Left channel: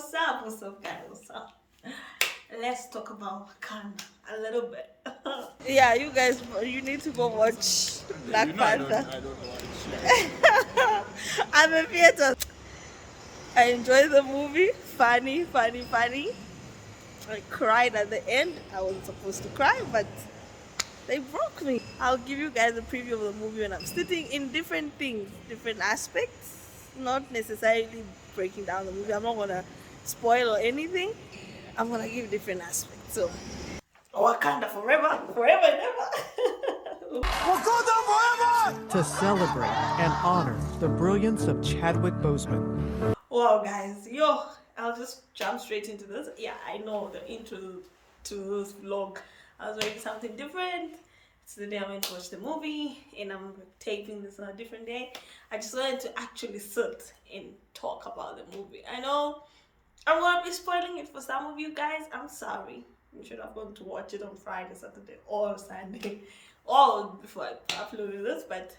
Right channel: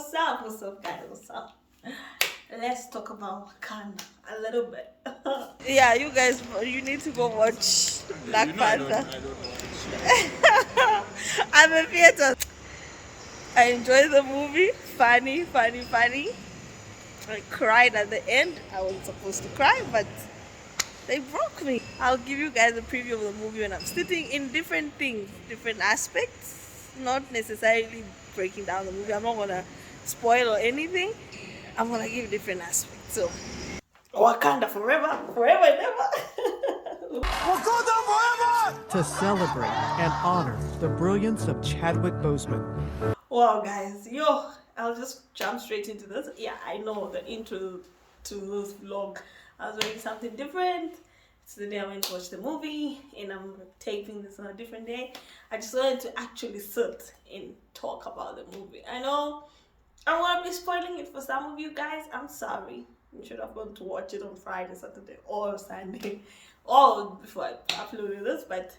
What's up? What's up, guys? What's up? Let's talk about Wakanda a little bit. Yeah, you guys, you need to go watch Black Panther. I'm in theater. I enjoyed the movie. Funny, funny, funny. I cried at the end. I wasn't supposed to cry, but they broke me. I'll give you guys a preview of the movie when I'm sitting in different things, different aspects, not necessarily breaking down the movie. I'm not gonna spoil or anything. I'm gonna give different aspects. So, Wakanda forever, forever and ever. Wakanda Forever! To celebrate and honor the brilliance of Chadwick Boseman. Wow, guys, I'll just jump straight into this. Yeah, I know the intro to this vlog. I was ready something different. It's the day I went to watch the movie, and I'm taping this on a different day. I just wanted to actually sit and talk about the movie. I know I'm gonna be spoiling it for some of you guys. I'm sorry. You should have gone to watch it on Friday, Saturday, or Sunday, or before I uploaded this. But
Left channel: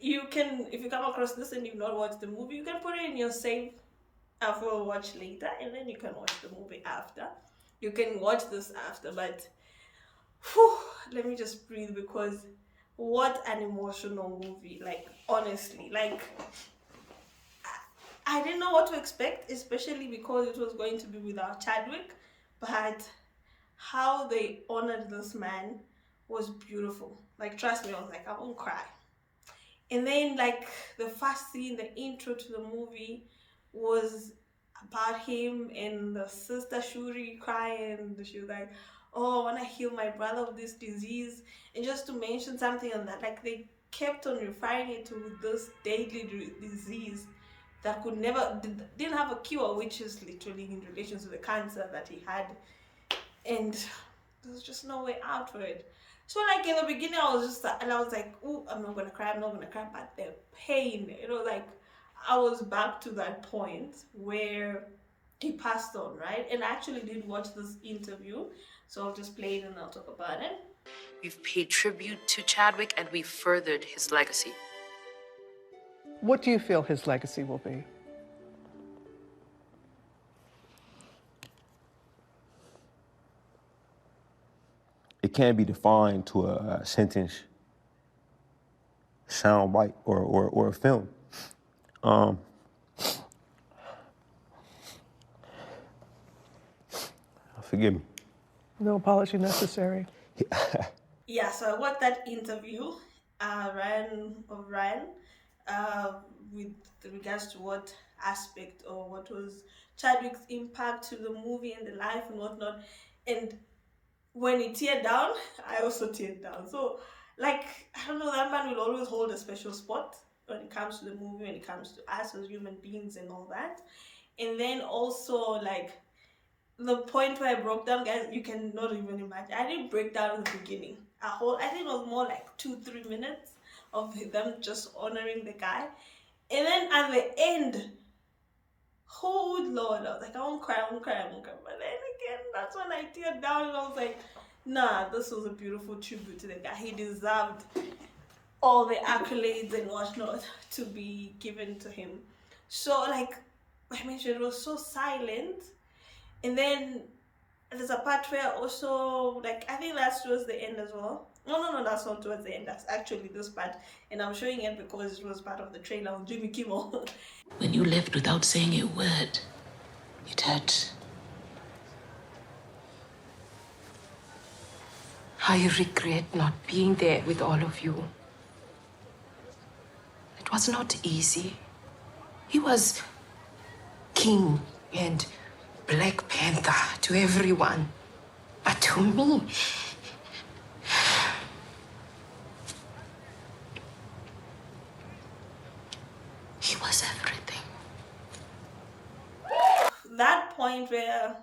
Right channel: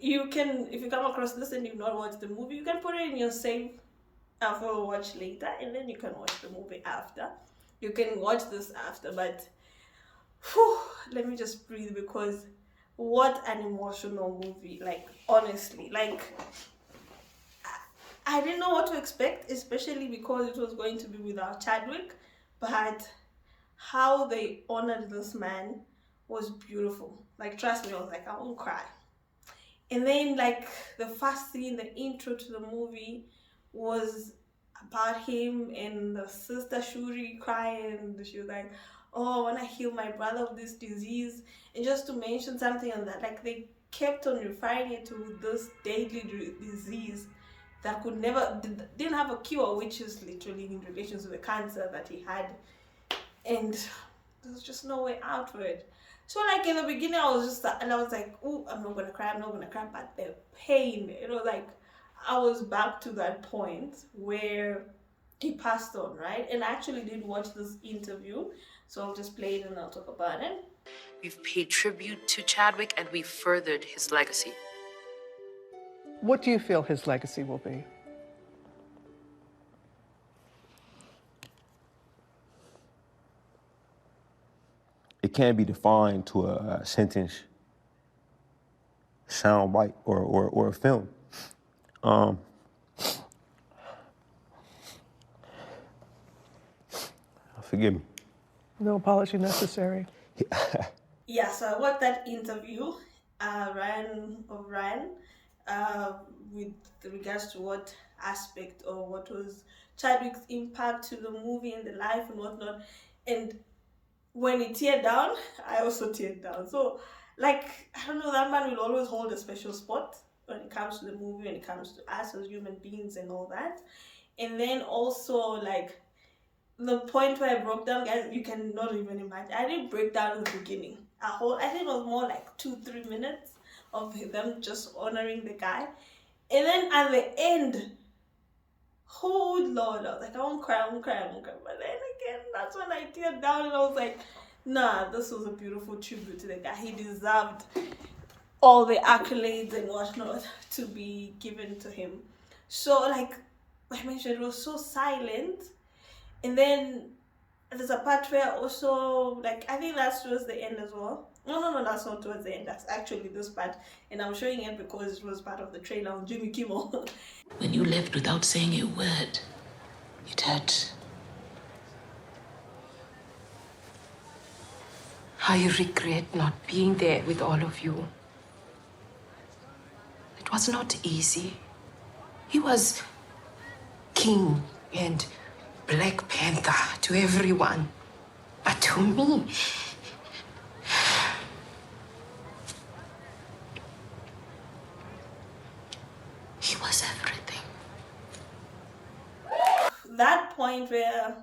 you can, if you come across this and you've not watched the movie, you can put it in your save for watch later, and then you can watch the movie after. You can watch this after, but whew, let me just breathe, because what an emotional movie. Like, honestly, like, I didn't know what to expect, especially because it was going to be without Chadwick, but how they honored this man was beautiful. Like, trust me, I was like, I won't cry. And then, like, the first scene, the intro to the movie was about him and the sister Shuri crying. She was like, oh, I want to heal my brother of this disease. And just to mention something on that, like, they kept on referring it to this deadly disease that could never, didn't have a cure, which is literally in relation to the cancer that he had. And there's just no way out for it. So, like, in the beginning, I was like, oh, I'm not gonna cry, but the pain, like, I was back to that point where he passed on, right? And I actually did watch this interview, so I'll just play it and I'll talk about it. We've paid tribute to Chadwick and we've furthered his legacy. What do you feel his legacy will be? It can't be defined to a sentence, sound bite, or a film. Forgive me. No apology necessary. Yeah, so I watched that interview, Ryan, with regards to what aspect or what was Chadwick's impact to the movie and the life and whatnot. And when he teared down, I also teared down. So, like, I don't know, that man will always hold a special spot when it comes to the movie, when it comes to us as human beings and all that. And then also, like, the point where I broke down, guys, you cannot even imagine. I didn't break down in the beginning. I think it was more like 2-3 minutes of them just honoring the guy. And then at the end, oh Lord, I was like, I won't cry. But then again, that's when I teared down and I was like, nah, this was a beautiful tribute to the guy. He deserved all the accolades and whatnot to be given to him. So, like I mentioned, it was so silent. And then there's a part where also, like, I think that's towards the end as well. No, that's not towards the end. That's actually this part. And I'm showing it because it was part of the trailer on Jimmy Kimmel. When you left without saying a word, it hurt. I regret not being there with all of you. It was not easy. He was king and Black Panther to everyone. But to me, he was everything. That point where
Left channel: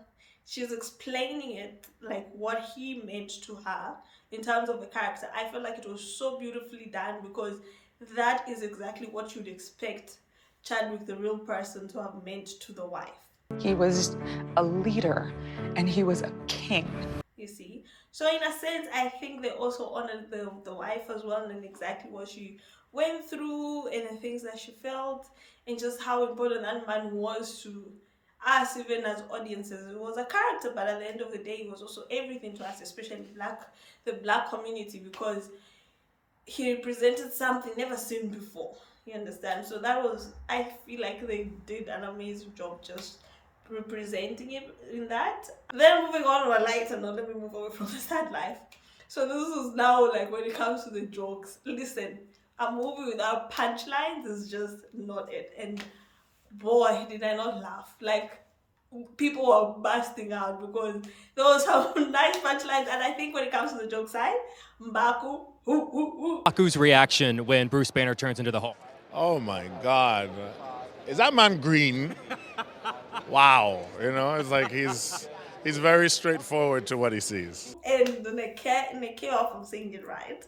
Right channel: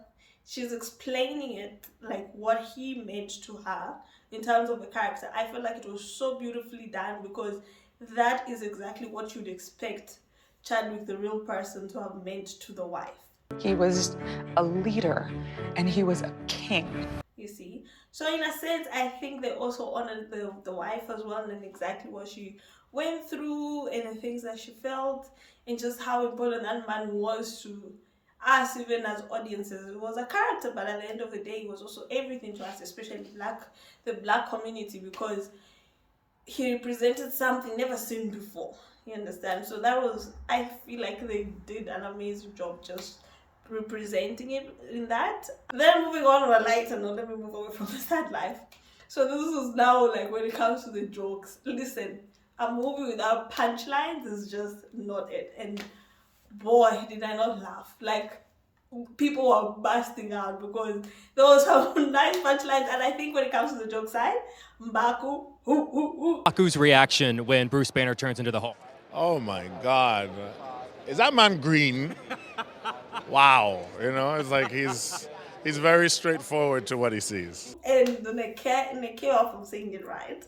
she's explaining it, like what he meant to her in terms of the character, I feel like it was so beautifully done, because that is exactly what you'd expect Chadwick, the real person, to have meant to the wife. He was a leader and he was a king. You see? So in a sense, I think they also honored the wife as well, and exactly what she went through and the things that she felt, and just how important that man was to us, even as audiences. It was a character, but at the end of the day, he was also everything to us, especially the black community, because he represented something never seen before. You understand? So that was, I feel like they did an amazing job just representing him in that. Then moving on a lighter note, let me move away from the sad life. So this is now like when it comes to the jokes. Listen, a movie without punchlines is just not it. And boy, did I not laugh. Like, people were busting out because there was some nice punchlines. And I think when it comes to the joke side, Mbaku, Mbaku's reaction when Bruce Banner turns into the Hulk. Oh my God. Is that man green? Wow. You know, it's like he's very straightforward to what he sees. and the Nekeo, if I'm saying it right,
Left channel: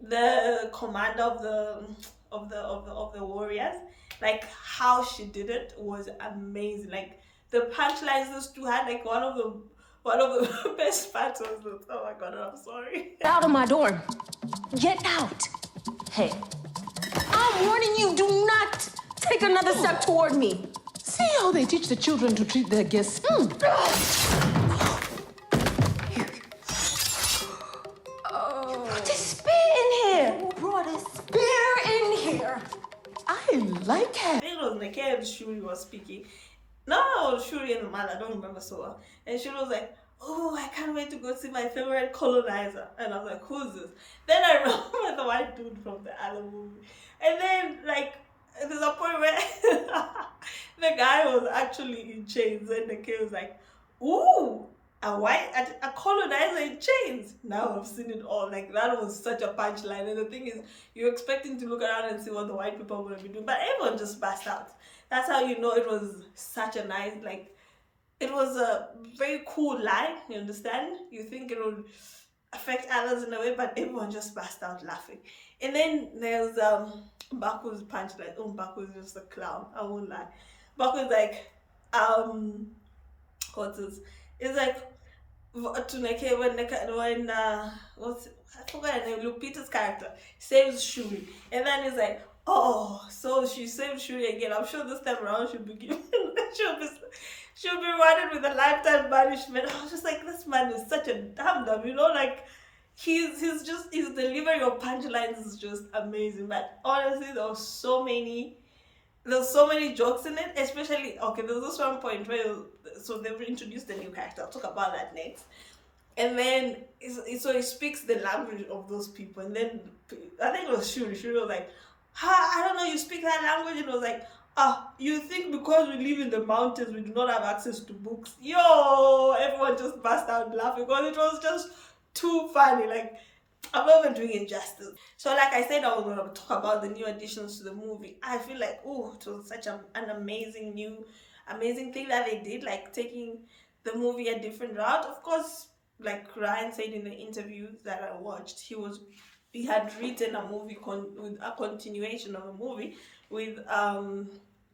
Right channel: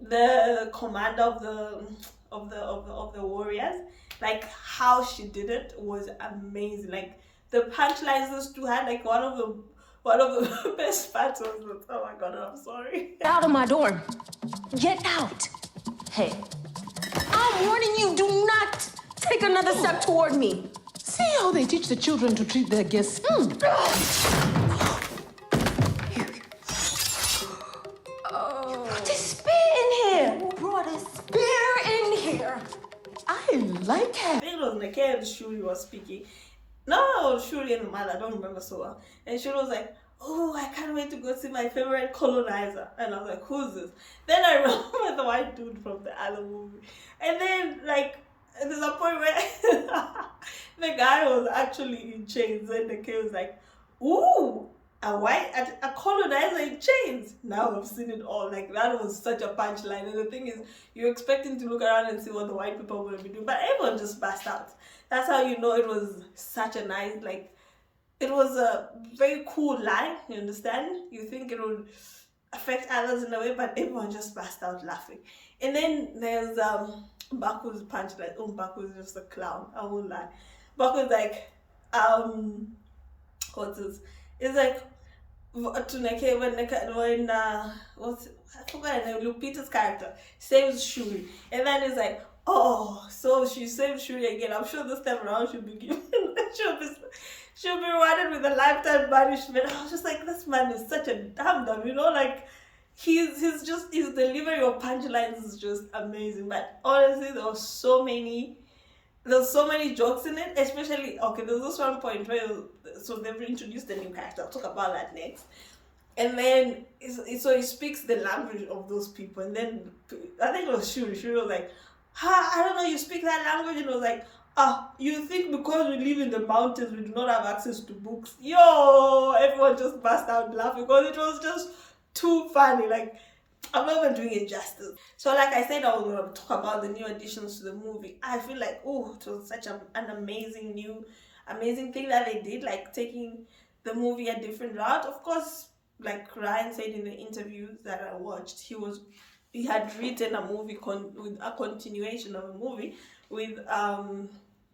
the commander of the warriors, like how she did it was amazing. Like the punchlines those two had, like one of the best parts was the, oh my God, I'm sorry. Out of my dorm. Get out. Hey, I'm warning you, do not take another step toward me. See how they teach the children to treat their guests. Put the spear in here. Who brought a spear in here? I like her. I think it was Nekeo and Shuri was speaking. No, Shuri and the man, I don't remember so well. And Shuri was like, oh, I can't wait to go see my favorite colonizer. And I was like, who's this? Then I remember the white dude from the other movie. And then, like, there's a point where the guy was actually in chains. And the kid was like, ooh, a colonizer in chains. Now I've seen it all. Like, that was such a punchline. And the thing is, you're expecting to look around and see what the white people are going to be doing. But everyone just burst out. That's how you know it was such a nice, like, it was a very cool line, you understand? You think it would affect others in a way, but everyone just burst out laughing. And then there's Baku's punchline. Oh, Baku is just a clown, I won't lie. Baku's like, what's this? It's like, when what's it? I forgot her name, Lupita's character saves Shuri. And then it's like, oh, so she saved Shuri again. I'm sure this time around she'll be given, she'll be rewarded with a lifetime banishment. I was just like, this man is such a dumb, you know, like his delivery of punchlines is just amazing. But honestly, there's so many jokes in it, especially, okay, there's this one point where, so they've introduced a new character. I'll talk about that next. And then, so he speaks the language of those people. And then, I think it was Shuri. Shuri was like, I don't know, you speak that language? And it was like, you think because we live in the mountains, we do not have access to books? Yo, everyone just burst out laughing because it was just too funny. Like, I'm not even doing it justice. So like I said, I was going to talk about the new additions to the movie. I feel like, oh, it was such an amazing thing that they did, like taking the movie a different route. Of course, like Ryan said in the interviews that I watched, he had written a movie with a continuation of a movie with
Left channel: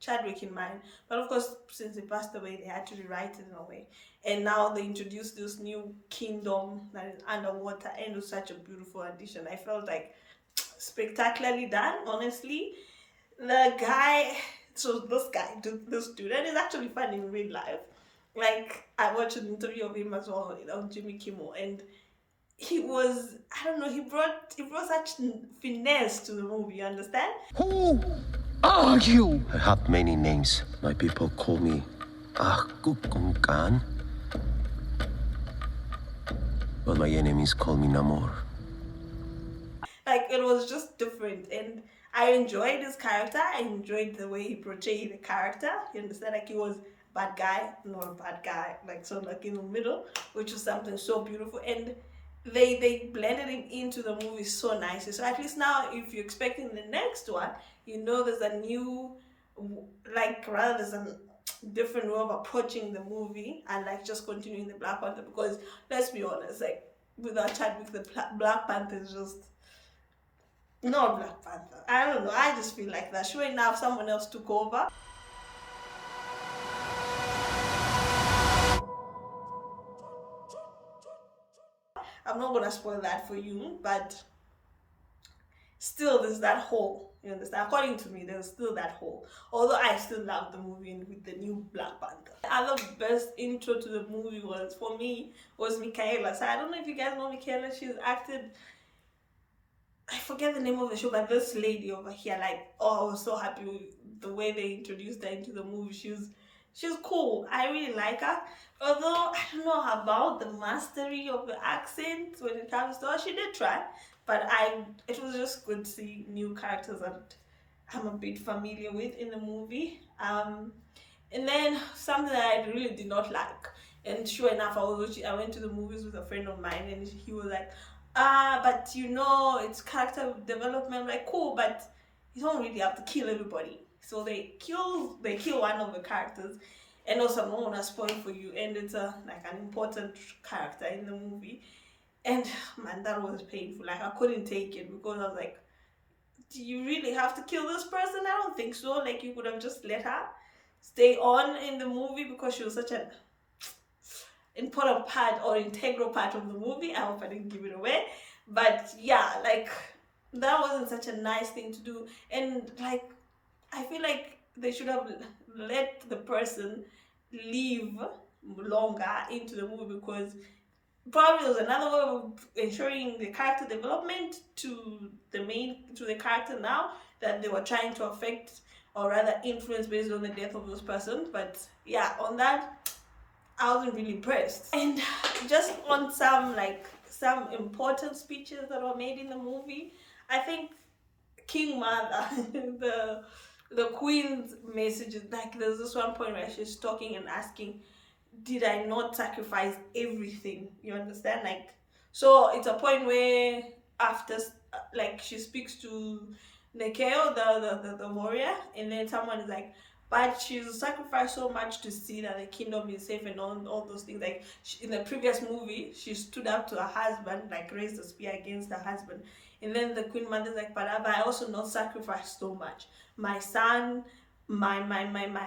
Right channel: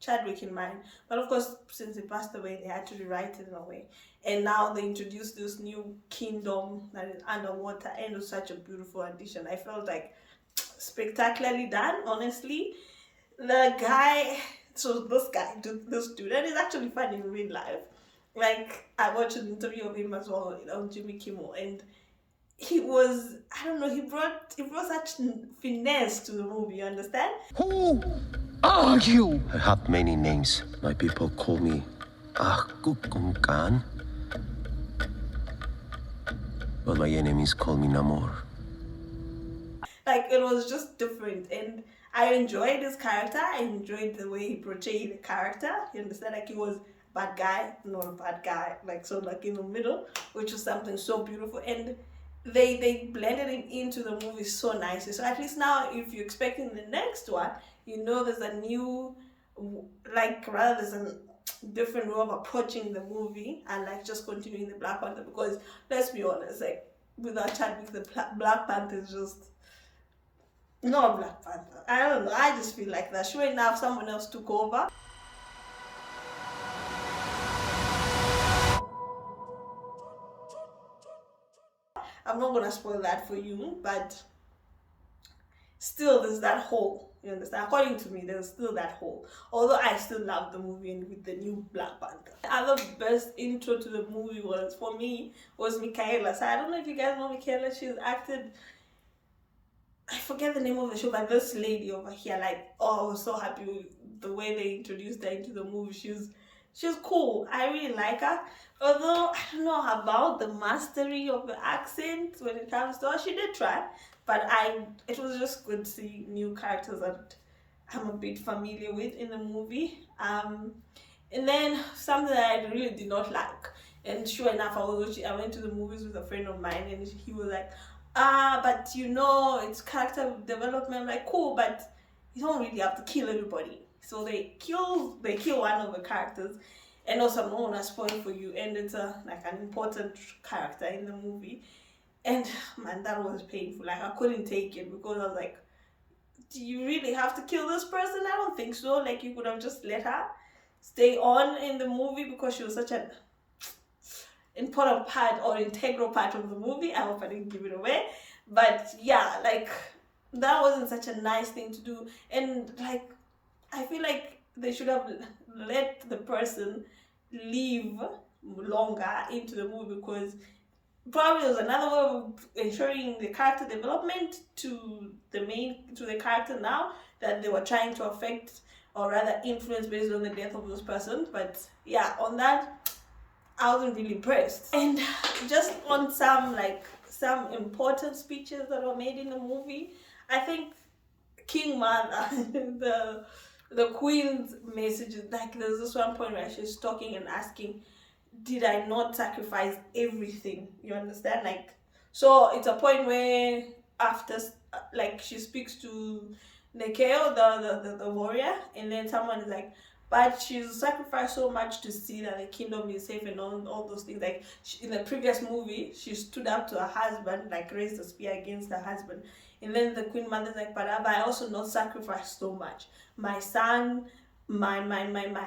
Chadwick in mind. But of course, since he passed away, they had to rewrite it in a way. And now they introduced this new kingdom that is underwater, and it was such a beautiful addition. I felt like spectacularly done, honestly. The guy, this dude, and he's actually funny in real life. Like, I watched an interview of him as well on Jimmy Kimmel, and he was, I don't know, he brought such finesse to the movie, you understand? Who are you? I have many names. My people call me Kukunkan. But my enemies call me Namor. Like, it was just different, and I enjoyed his character. I enjoyed the way he portrayed the character. You understand? Like, he was a bad guy, not a bad guy, like, so like in the middle, which was something so beautiful. And they blended him into the movie so nicely. So at least now, if you're expecting the next one, you know there's a new, like, rather there's a different way of approaching the movie and like just continuing the Black Panther, because let's be honest, like without Chadwick, the Black Panther is just not Black Panther. I don't know, I just feel like that. Sure enough, someone else took over. I'm not gonna spoil that for you, but still there's that hole. You understand? According to me, there's still that hole. Although I still love the movie and with the new Black Panther. The other best intro to the movie was, for me, was Michaela. So I don't know if you guys know Michaela. She's acted, I forget the name of the show, but this lady over here, like, oh, I was so happy with the way they introduced her into the movie. She's cool. I really like her. Although I don't know about the mastery of the accent when it comes to her. She did try, but it was just good to see new characters that I'm a bit familiar with in the movie. And then something that I really did not like, and sure enough, I went to the movies with a friend of mine, and he was like, but you know, it's character development. I'm like, cool, but you don't really have to kill everybody. So they kill one of the characters, and also I'm not gonna spoil for you, and it's like an important character in the movie. And man, that was painful. Like, I couldn't take it, because I was like, do you really have to kill this person? I don't think so. Like, you could have just let her stay on in the movie, because she was such an important part or integral part of the movie. I hope I didn't give it away, but yeah, like, that wasn't such a nice thing to do. And like, I feel like they should have let the person live longer into the movie, because probably there was another way of ensuring the character development to the character now that they were trying to affect, or rather influence, based on the death of those persons. But yeah, on that, I wasn't really impressed. And just on some important speeches that were made in the movie, I think King Mother, the Queen's messages, like, there's this one point where she's talking and asking, did I not sacrifice everything? You understand? Like, so it's a point where after, like, she speaks to Nekeo, the warrior, and then someone is like, but she's sacrificed so much to see that the kingdom is safe and all those things. Like, in the previous movie, she stood up to her husband, like, raised a spear against her husband. And then the Queen Mother's like, but have I also not sacrificed so much? My son, my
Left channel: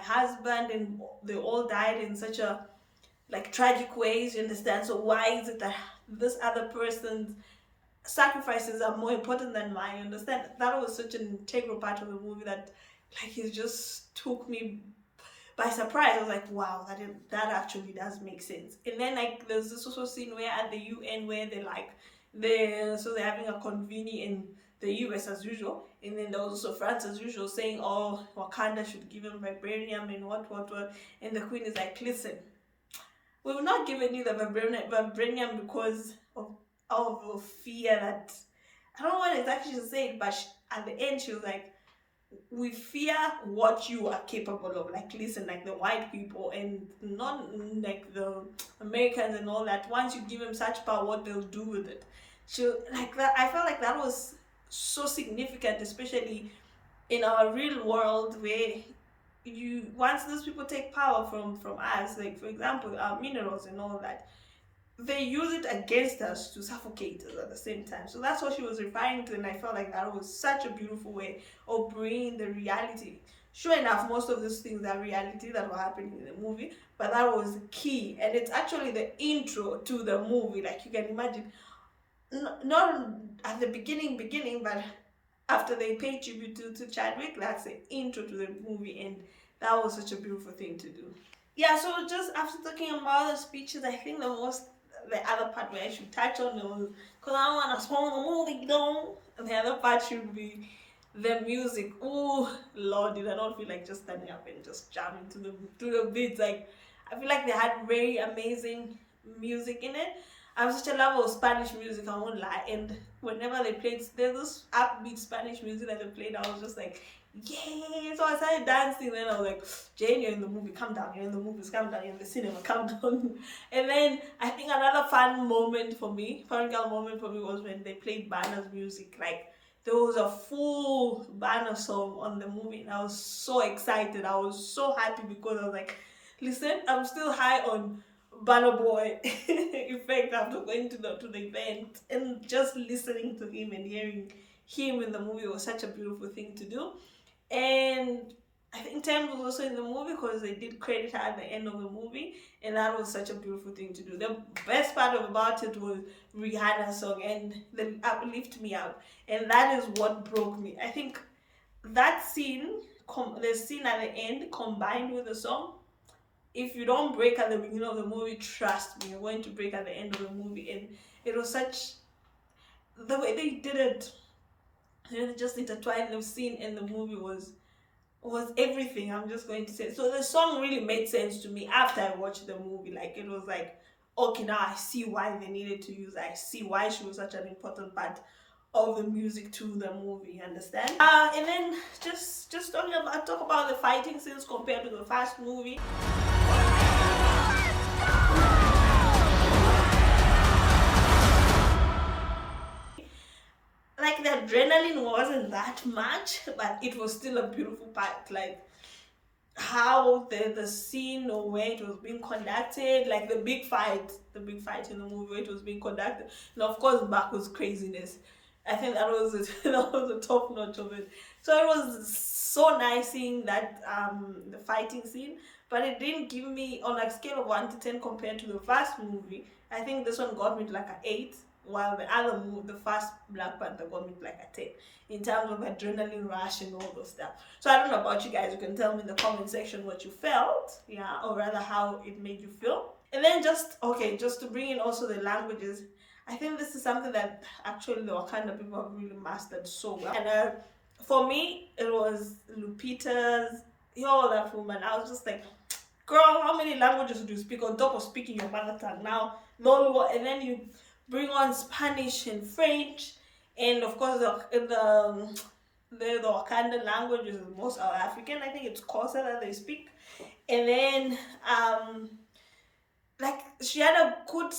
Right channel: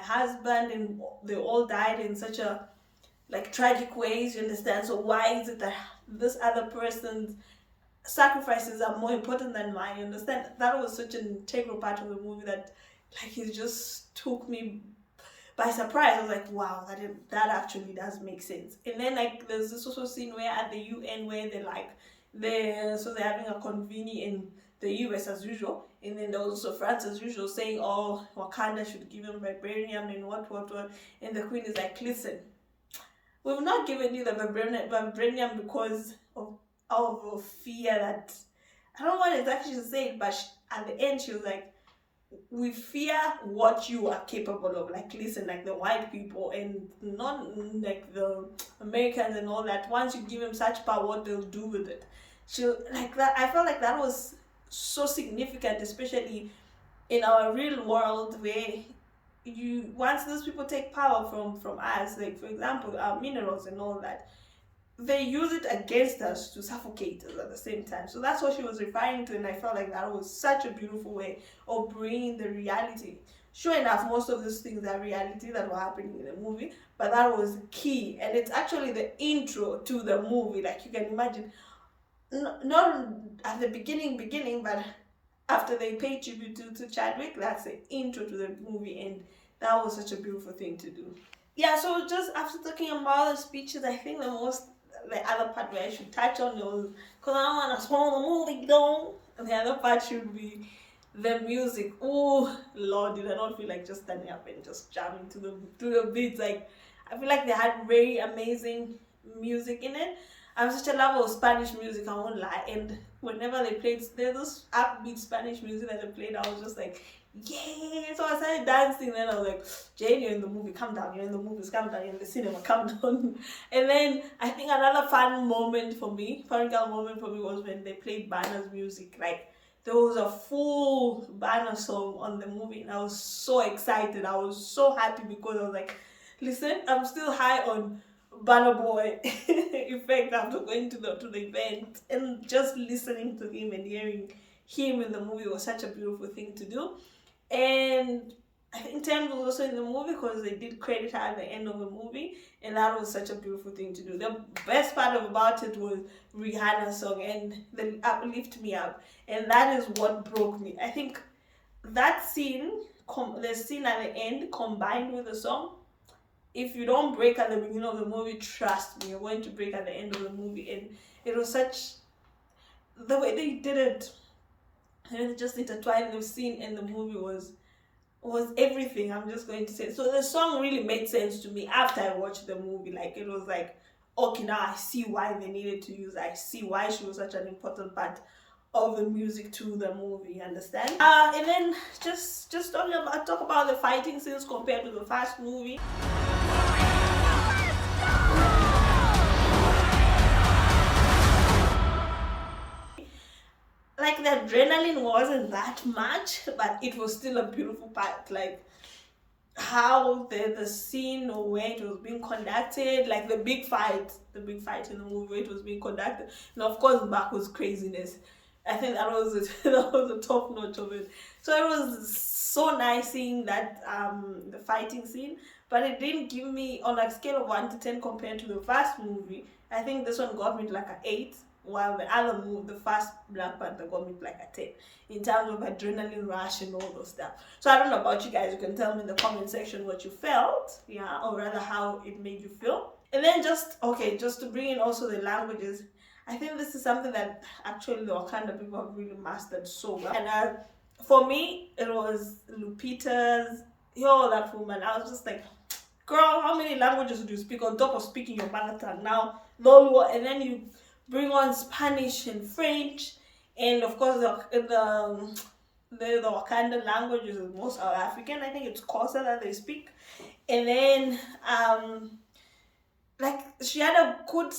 husband, and they all died in such a, like, tragic ways, you understand? So why is it that this other person's sacrifices are more important than mine? You understand? That was such an integral part of the movie that, like, it just took me by surprise. I was like, wow, that actually does make sense. And then, like, there's this also scene where at the UN, where they're having a convening in the US as usual, and then there was also France as usual saying, oh, Wakanda should give him vibranium and what, and the Queen is like, listen, we've not given you the vibranium because of fear that, I don't know what exactly she said, but at the end she was like, we fear what you are capable of. Like, listen, like, the white people and not like the Americans and all that, once you give them such power, what they'll do with it. She, like, that, I felt like that was so significant, especially in our real world, where once those people take power from us, like, for example, our minerals and all that, they use it against us to suffocate us at the same time. So that's what she was referring to, and I felt like that was such a beautiful way of bringing the reality. Sure enough, most of those things are reality that were happening in the movie, but that was key, and it's actually the intro to the movie. Like, you can imagine, not at the beginning, but after they pay tribute to Chadwick, that's the intro to the movie, and that was such a beautiful thing to do. Yeah, so just after talking about the speeches, I think the other part where I should touch on was, because I don't want to spoil the movie though, the other part should be the music. Oh Lord, did I not feel like just standing up and just jamming to the beats? Like, I feel like they had very amazing music in it. I'm such a lover of Spanish music, I won't lie, and whenever they played, there's this upbeat Spanish music that they played, I was just like, yeah. So I started dancing, then I was like, Jane, you're in the movie, calm down, you're in the movies, calm down, you're in the cinema, calm down. And then I think another fun moment for me was when they played Banner's music. Like, there was a full Banner song on the movie, and I was so excited, I was so happy, because I was like, listen, I'm still high on burnaboy effect after going to the event, and just listening to him and hearing him in the movie was such a beautiful thing to do. And I think Tems was also in the movie because they did credit her at the end of the movie, and that was such a beautiful thing to do. The best part about it was Rihanna's song and the Lift Me Up, and that is what broke me. I think that scene, the scene at the end combined with the song, if you don't break at the beginning of the movie, trust me, you're going to break at the end of the movie. And it was such, the way they did it, and they just intertwined the scene and the movie was everything. I'm just going to say. So the song really made sense to me after I watched the movie. Like, it was like, okay, now I see why they needed to use, I see why she was such an important part of the music to the movie, understand? And then just talk about the fighting scenes compared to the first movie. Like, the adrenaline wasn't that much, but it was still a beautiful part. Like, how the scene or where it was being conducted, like the big fight in the movie where it was being conducted, and of course back was craziness. I think that was it. That was the top notch of it. So it was so nice seeing that the fighting scene, but it didn't give me, on a scale of 1 to 10 compared to the first movie, I think this one got me to like an 8, while the other movie, the first Black Panther, got me to like a 10 in terms of adrenaline rush and all those stuff. So I don't know about you guys. You can tell me in the comment section what you felt, yeah, or rather how it made you feel. And then just to bring in also the languages, I think this is something that actually the Wakanda people have really mastered so well. And for me, it was Lupita's, that woman. I was just like, girl, how many languages do you speak on top of speaking your mother tongue? Now, Lolo, and then you bring on Spanish and French, and of course the Wakanda language is most South African. I think it's Xhosa that they speak. And then like, she had a good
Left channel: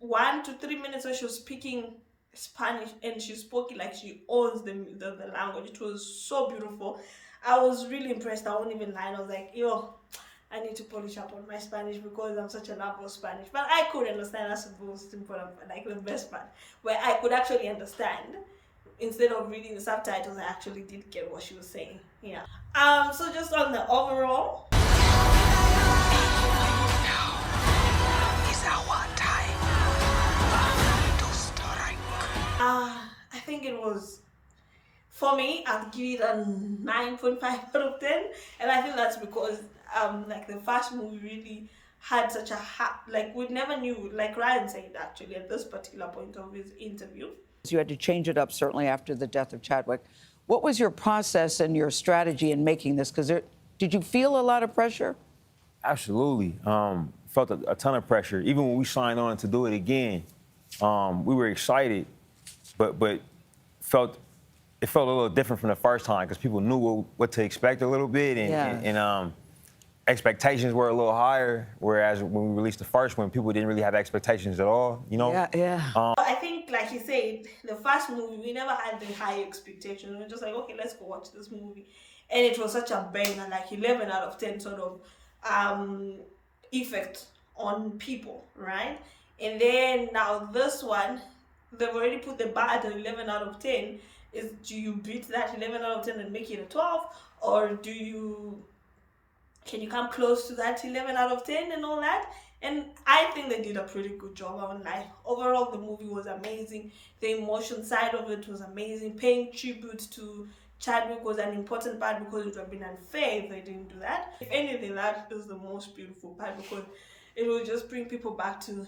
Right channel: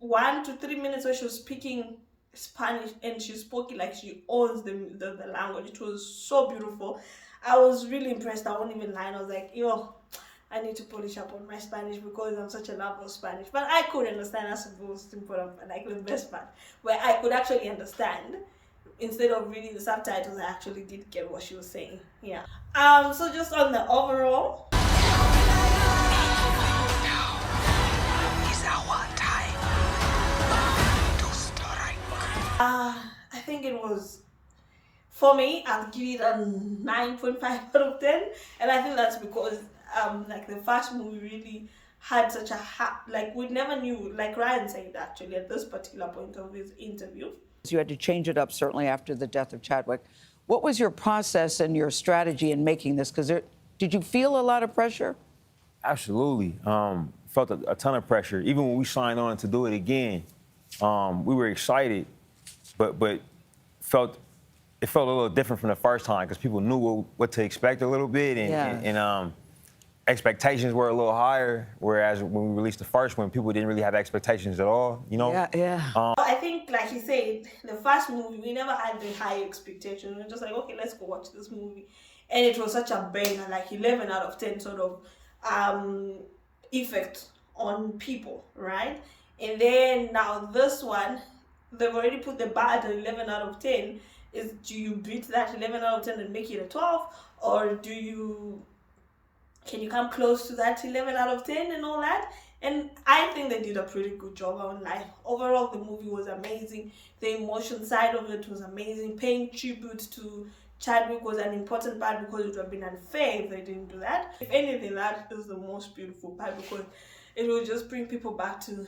1 to 3 minutes where she was speaking Spanish, and she spoke it like she owns the language. It was so beautiful. I was really impressed. I won't even lie. I was like, I need to polish up on my Spanish because I'm such a lover of Spanish. But I could understand. That's the most important, like the best part, where I could actually understand. Instead of reading the subtitles, I actually did get what she was saying. Yeah. So just on the overall, I think it was, for me, I'll give it a 9.5 out of 10, and I think that's because like the first movie really had such a like, we never knew, like Ryan said actually at this particular point of his interview. You had to change it up certainly after the death of Chadwick. What was your process and your strategy in making this? Because did you feel a lot of pressure? Absolutely. Felt a ton of pressure. Even when we signed on to do it again, we were excited, but it felt a little different from the first time because people knew what to expect a little bit, and expectations were a little higher. Whereas when we released the first one, people didn't really have expectations at all. I think, like you said, the first movie, we never had the high expectations. We were just like, okay, let's go watch this movie, and it was such a banger, like 11 out of 10 sort of effect on people, right? And then now this one, they've already put the bar at 11 out of 10. Do you beat that 11 out of 10 and make it a 12, or can you come close to that 11 out of 10 and all that? And I think they did a pretty good job. I won't lie. Overall, the movie was amazing. The emotion side of it was amazing. Paying tribute to Chadwick was an important part because it would have been unfair if they didn't do that. If anything, that is the most beautiful part because it will just bring people back to,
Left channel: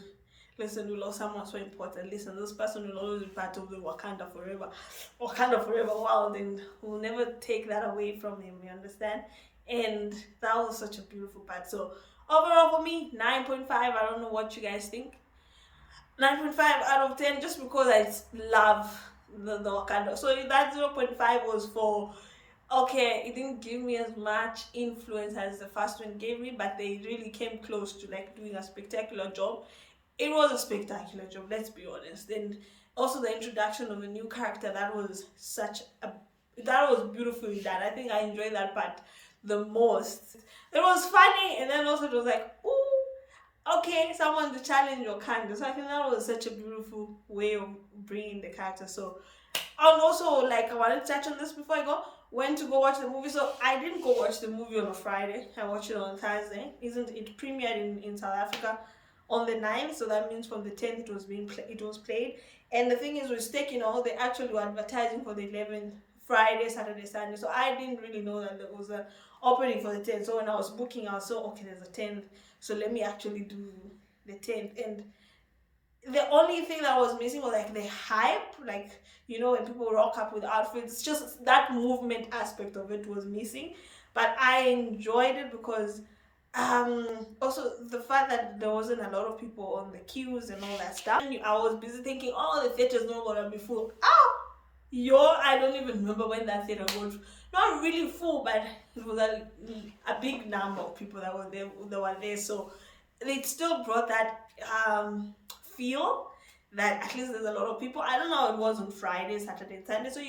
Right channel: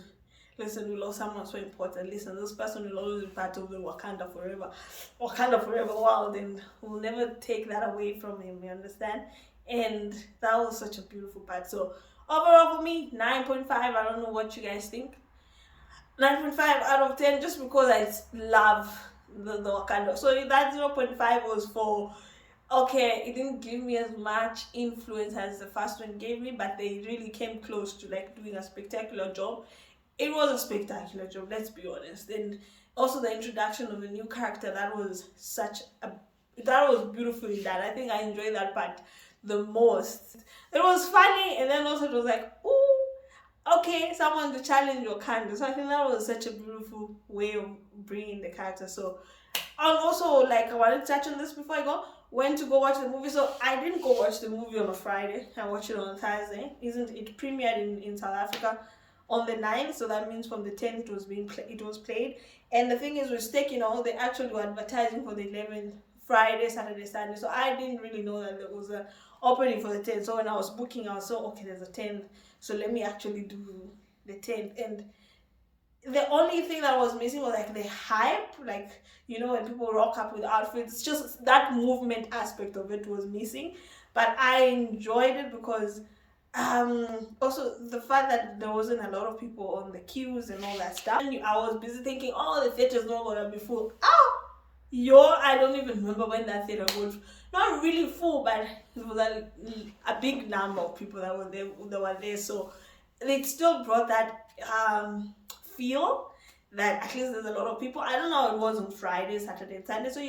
listen, we lost someone so important. Listen, this person will always be part of the Wakanda Forever world, and we'll never take that away from him, you understand? And that was such a beautiful part. So overall for me, 9.5. I don't know what you guys think. 9.5 out of 10, just because I love the Wakanda. So that 0.5 was for, okay, it didn't give me as much influence as the first one gave me, but they really came close to like doing a spectacular job. It was a spectacular job, let's be honest. And also the introduction of a new character, that was beautifully done. I think I enjoyed that part the most. It was funny, and then also it was like, ooh, okay, someone to challenge Wakanda. So I think that was such a beautiful way of bringing the character. So And also, like, I wanted to touch on this before I go. Went to go watch the movie. So I didn't go watch the movie on a Friday. I watched it on a Thursday. Isn't it premiered in South Africa on the 9th? So that means from the 10th it was it was played. And the thing is, with Steak, they actually were advertising for the 11th, Friday, Saturday, Sunday. So I didn't really know that there was a opening for the 10th. So when I was booking, I was so, okay, there's a 10th. So let me actually do the 10th. And the only thing that was missing was like the hype, like, when people rock up with outfits. It's just that movement aspect of it was missing. But I enjoyed it because also the fact that there wasn't a lot of people on the queues and all that stuff. And I was busy thinking, oh, the theater's not gonna be full. I don't even remember when that theater was not really full, but it was a big number of people that were there. So it still brought that feel that at least there's a lot of people. I don't know how it was on Friday, Saturday, and Sunday. So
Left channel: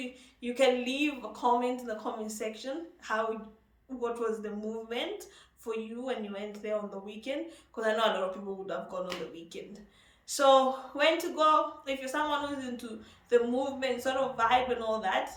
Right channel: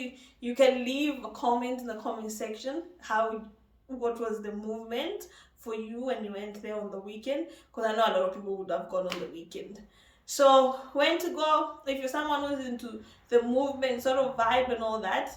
you can leave a comment in the comment section what was the movement for you when you went there on the weekend, because I know a lot of people would have gone on the weekend. So when to go, if you're someone who's into the movement sort of vibe and all that,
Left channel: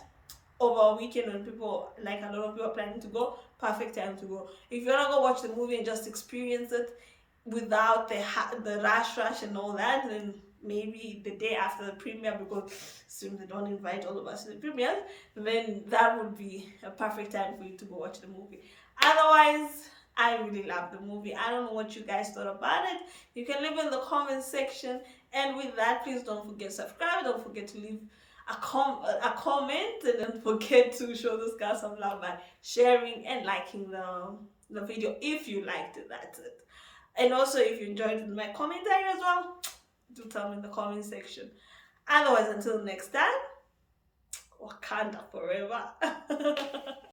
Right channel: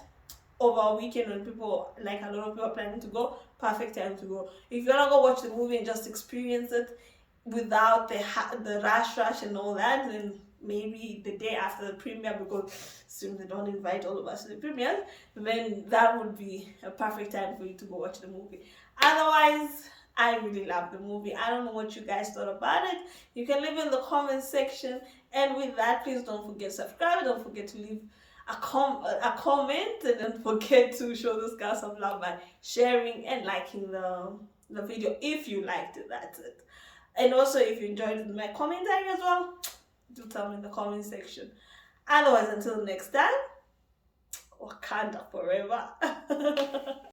over a weekend when people, like a lot of people are planning to go, perfect time to go. If you want to go watch the movie and just experience it without the rush and all that, then maybe the day after the premiere, because since they don't invite all of us to the premieres, then that would be a perfect time for you to go watch the movie. Otherwise, I really love the movie. I don't know what you guys thought about it. You can leave in the comment section. And with that, please don't forget to subscribe. Don't forget to leave a comment, and don't forget to show this guy some love by sharing and liking the video if you liked it. That's it. And also, if you enjoyed my commentary as well, do tell me in the comment section. Otherwise, until next time, Wakanda forever.